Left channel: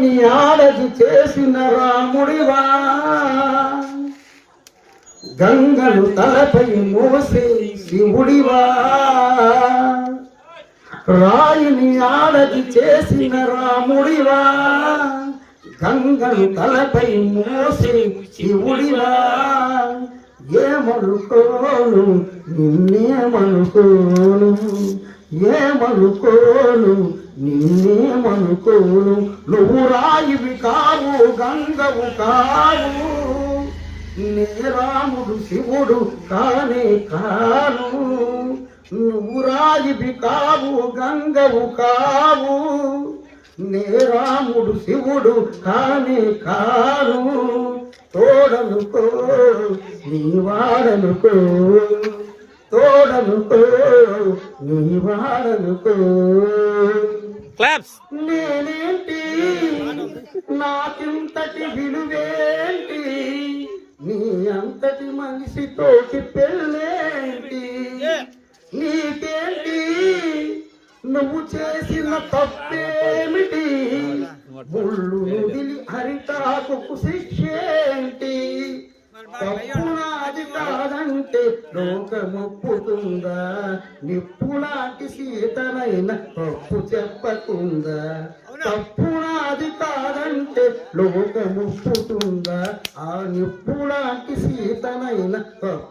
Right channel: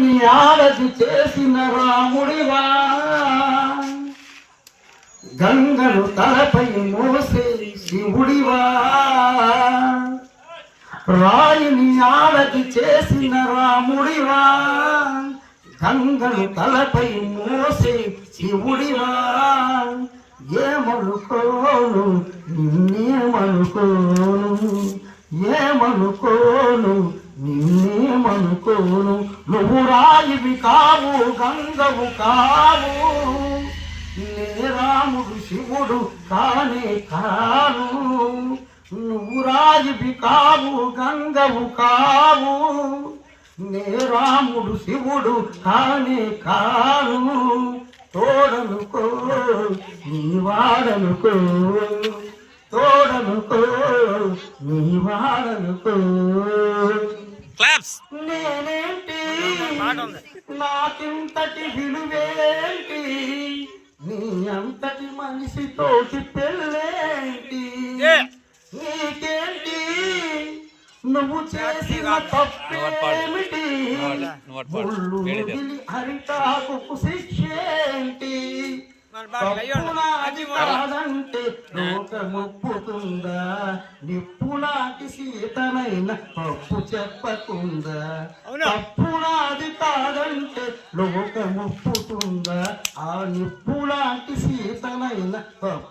నీ ఆరతి చేసిన రాముడివా, గంగను తలపై మోసే శివుడివా, రాయిని ఆరతి చేసిన రాముడివా, గంగను తలపై మోసే శివుడివా, ఏమనుకోను నిన్నేమనుకోను, ఏమనుకోను నిన్నేమనుకోను, నువ్వు రాయివి కావు గంగవు కావు, నే రాముడు శివుడు కానే కాను, నువ్వు రాయివి కావు గంగవు కావు, నే రాముడు శివుడు కానే కాను, తోడనుకో నీ వాడనుకో, తోడనుకో నీ వాడనుకో. నేనేంటి నాకింతటి విలువేంటి, నీ అంతటి మనిషితోటి పెళ్ళేంటి, నీకేంటి నువ్వు చేసిన తప్పేమిటి, ముళ్ళు మిగిలి అరిటాకు శిక్షేంటి, తప్పు నాది కాదంటే లోకమొప్పుతుందా, నిప్పులాంటి సీతనైన తప్పు చెప్పకుందా, తప్పు నాది కాదంటే లోకమొప్పుతుందా, ఆ నిప్పులాంటి సీతనైన తప్పు